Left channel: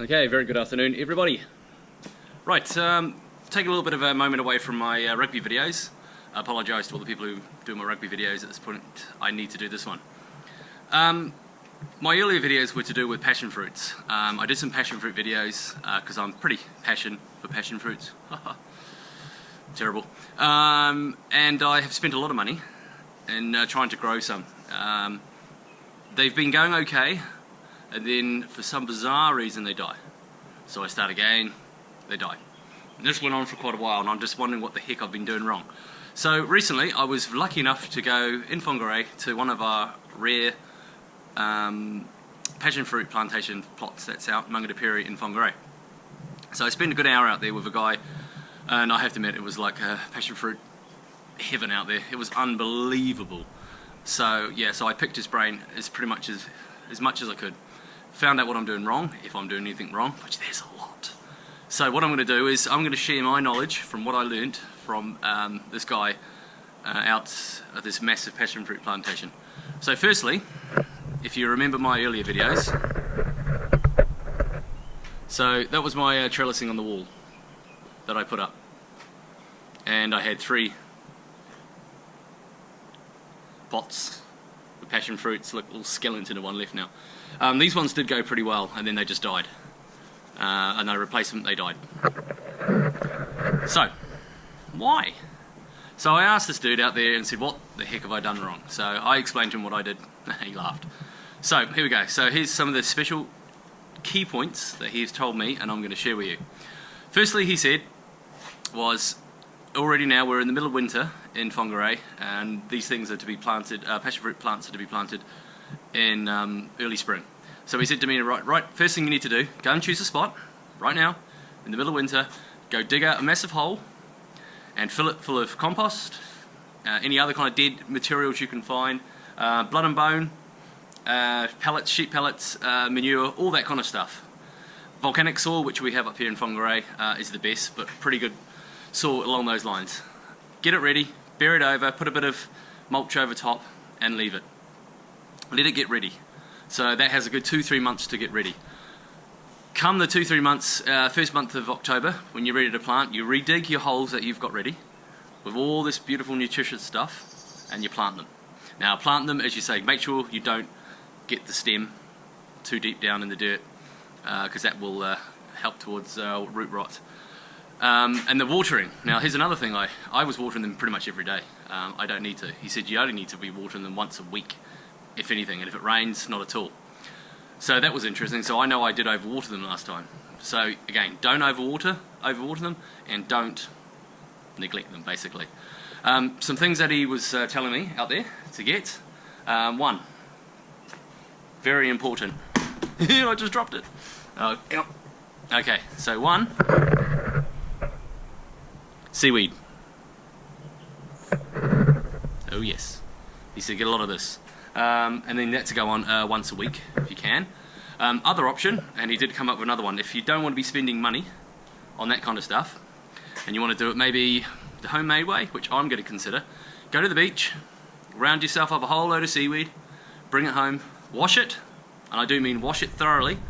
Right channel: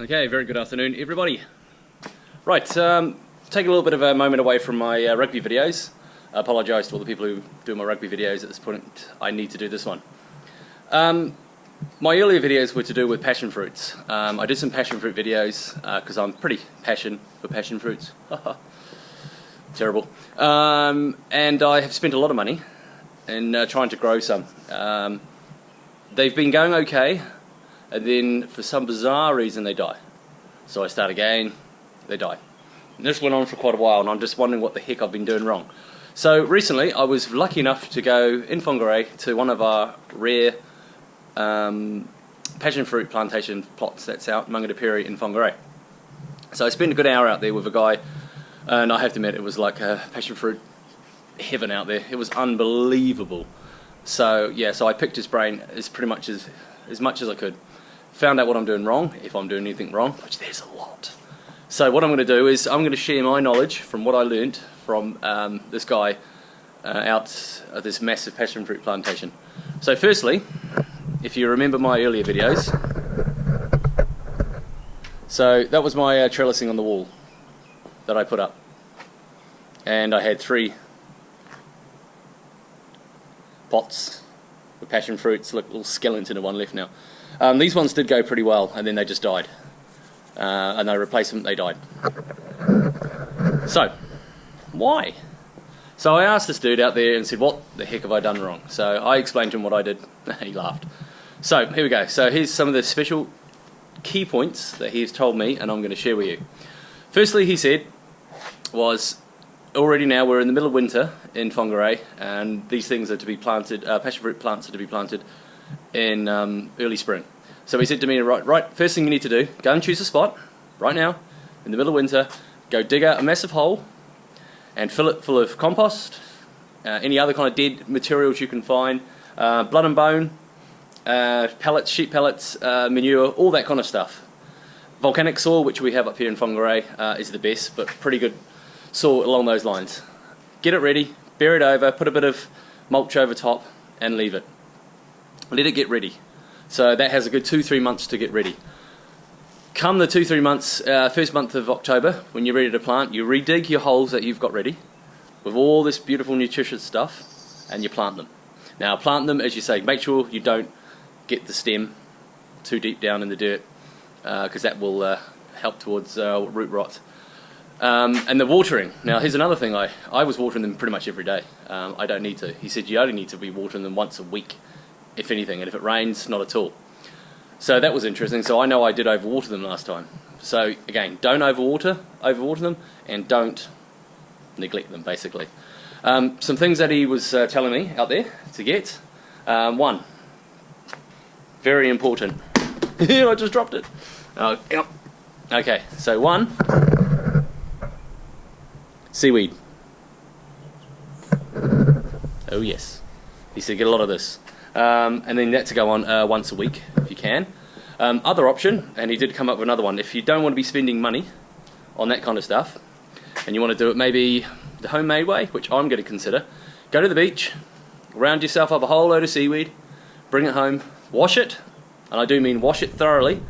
Okay, very good afternoon, everybody. Right, take a little bit of a moment away from my rugby videos. I apologise to all the people who do my rugby videos at this point. I need to do this one. My earlier videos were to do with passion fruits. I did some passion fruit videos because I'm pretty passionate for passion fruits. Terrible. And I have spent a lot of money in trying to grow some. They've been going okay, and then for some bizarre reason they die. So I start again, they die. And this went on for quite a while, and I'm just wondering what the heck I've been doing wrong. So recently I was lucky enough to go in Whangarei to one of our rare passion fruit plantation plots that's out in Mangatapiri in Whangarei. So I spent a good hour out there with a guy, and I have to admit it was like a passion fruit heaven out there. It was unbelievable. So yeah, so I picked his brain as much as I could. Found out what I'm doing wrong, if I'm doing anything wrong, which there's a lot. So what I'm going to do is I'm going to share my knowledge from what I learned from this guy out at this massive passion fruit plantation. So firstly, if you remember my earlier videos, so that was my trellising on the wall that I put up. And I had 3 pots with passion fruits. Look, little skeleton of one left now. These ones did go pretty well, and then they just died. And I replaced them, they died. So, why? So I asked this dude out there and said, what the heck have I done wrong? So I explained to him what I did. He laughed. So here we go. So here's some of the special key points that he's told me, and I'm going to share with you. Firstly, he said, was already now we're in the middle of winter in Whangarei, and these things are to be planted, passion fruit plants are to be planted in early spring. So he said to me, right, first thing you need to do, go and choose a spot, right now, in the middle of winter, go dig out a massive hole, and fill it full of compost, any other kind of dead materials you can find, blood and bone, pellets, sheep pellets, manure, all that kind of stuff. Volcanic soil, which we have up here in Whangarei, is the best, but pretty good soil along those lines. Get it ready, bear it over, put a bit of mulch over top, and leave it. Let it get ready. So that has a good 2-3 months to get ready. Come the 2-3 months, first month of October, when you're ready to plant, you redig your holes that you've got ready with all this beautiful nutritious stuff, and you plant them. Now plant them, as you say, make sure you don't get the stem too deep down in the dirt, because that will help towards root rot. And the watering. Now here's another thing, I was watering them pretty much every day. I don't need to. He said you only need to be watering them once a week, if anything, and if it rains, not at all. So that was interesting. So I know I did overwater them last time. So again, don't overwater them, and don't neglect them, basically. Some things that he was telling me out there to get. One, very important. I just dropped it. Okay, so one, seaweed. Oh yes. He said get a lot of this. And then that to go on once a week if you can. Other option, and he did come up with another one, if you don't want to be spending money on that kind of stuff and you want to do it maybe the homemade way, which I'm going to consider, go to the beach, round yourself up a whole load of seaweed, bring it home, wash it, and I do mean wash it thoroughly,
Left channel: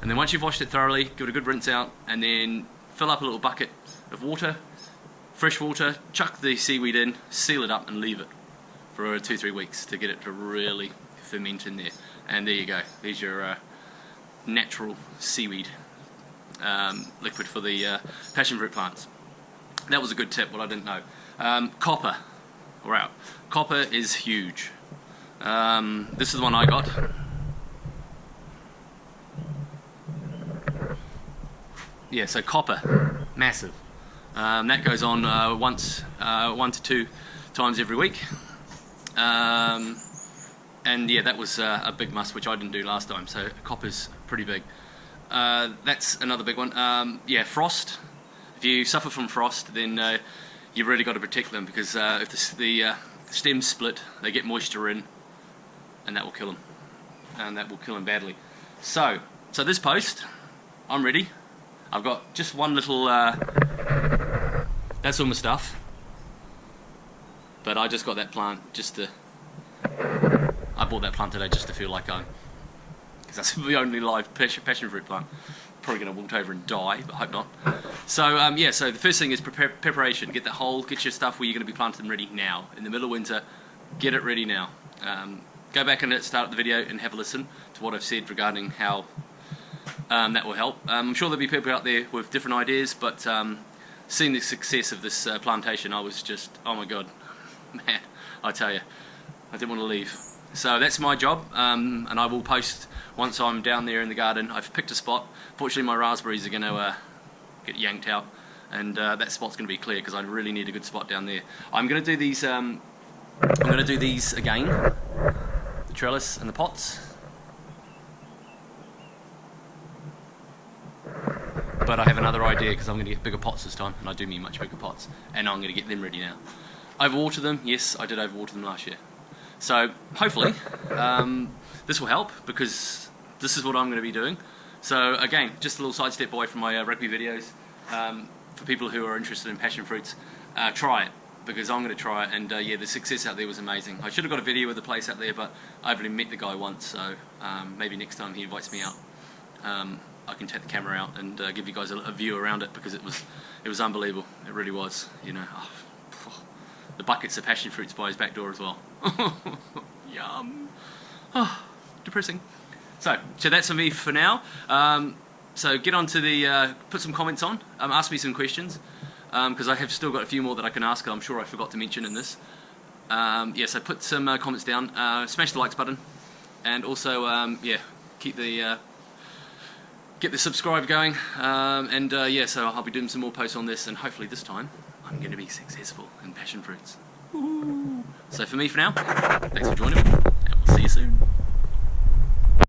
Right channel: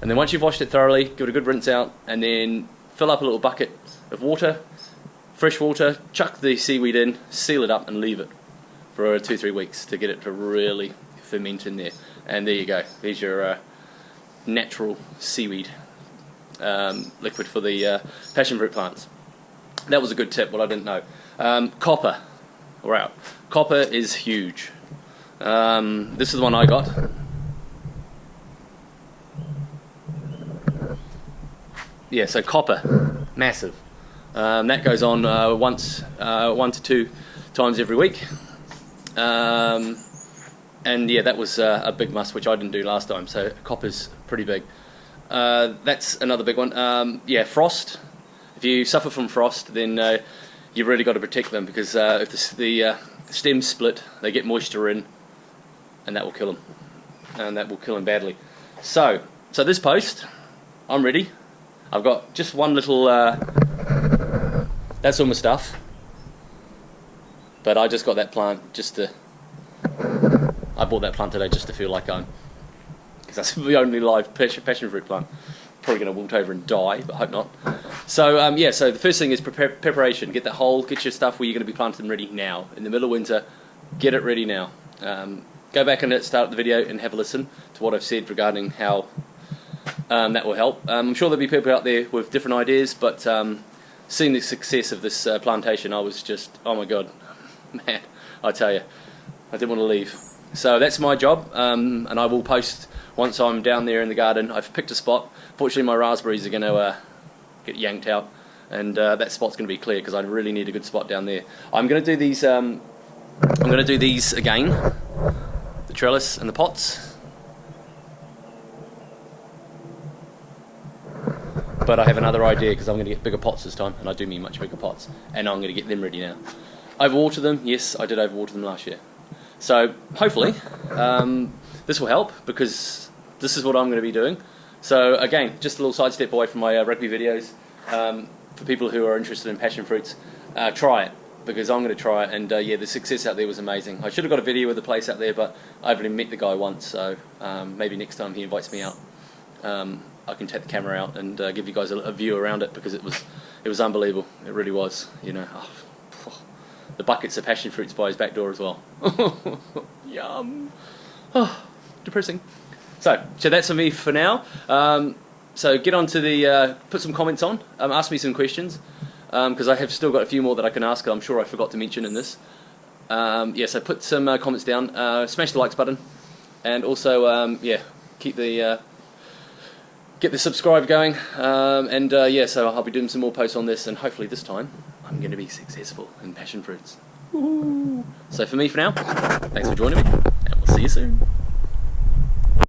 and then once you've washed it thoroughly, give it a good rinse out, and then fill up a little bucket of water, fresh water, chuck the seaweed in, seal it up and leave it for 2-3 weeks to get it to really ferment in there. And there you go. There's your natural seaweed liquid for the passion fruit plants. That was a good tip, what I didn't know. Copper. Wow. Copper is huge. This is the one I got. Yeah, so copper. Massive. That goes on 1 to 2 times every week. And yeah, that was a big must, which I didn't do last time, so copper's pretty big. That's another big one. Yeah, frost. If you suffer from frost, then you've really got to protect them, because if the stems split, they get moisture in, and that will kill them. And that will kill them badly. So this post, I'm ready. I've got just one little, that's all my stuff. But I just got that plant just to, I bought that plant today just to feel like I'm, because that's the only live passion fruit plant. probably going to wilt over and die, but hope not. So yeah, so the first thing is preparation. Get that hole, get your stuff where you're going to be planting them ready now. In the middle of winter, get it ready now. Go back and start the video and have a listen to what I've said regarding how that will help. I'm sure there'll be people out there with different ideas, but seeing the success of this plantation, I was just, oh my God, man, I tell you, I didn't want to leave. So that's my job, and I will post once I'm down there in the garden. I've picked a spot. Fortunately, my raspberries are going to get yanked out, and that spot's going to be clear because I really need a good spot down there. I'm going to do these. I'm going to do these again, the trellis and the pots. But I have another idea because I'm going to get bigger pots this time, and I do mean much bigger pots, and I'm going to get them ready now. Overwater them, yes, I did overwater them last year. So hopefully this will help because this is what I'm going to be doing. So again, just a little sidestep away from my rugby videos. For people who are interested in passion fruits, try it because I'm going to try it. And yeah, the success out there was amazing. I should have got a video of the place out there, but I've only met the guy once, so maybe next time he invites me out, I can take the camera out and give you guys a view around it because it was unbelievable. It really was. You know, the buckets of passion fruits by his back door as well. Yum. Oh, depressing. So that's for me for now. So get on to the put some comments on. Ask me some questions because I have still got a few more that I can ask. I'm sure I forgot to mention in this. Yeah, so put some comments down. Smash the likes button, and also yeah, keep the get the subscribe going, and yeah, so I'll be doing some more posts on this, and hopefully this time I'm going to be successful in passion fruits. Woo-hoo. So for me for now, thanks for joining me, and we'll see you soon.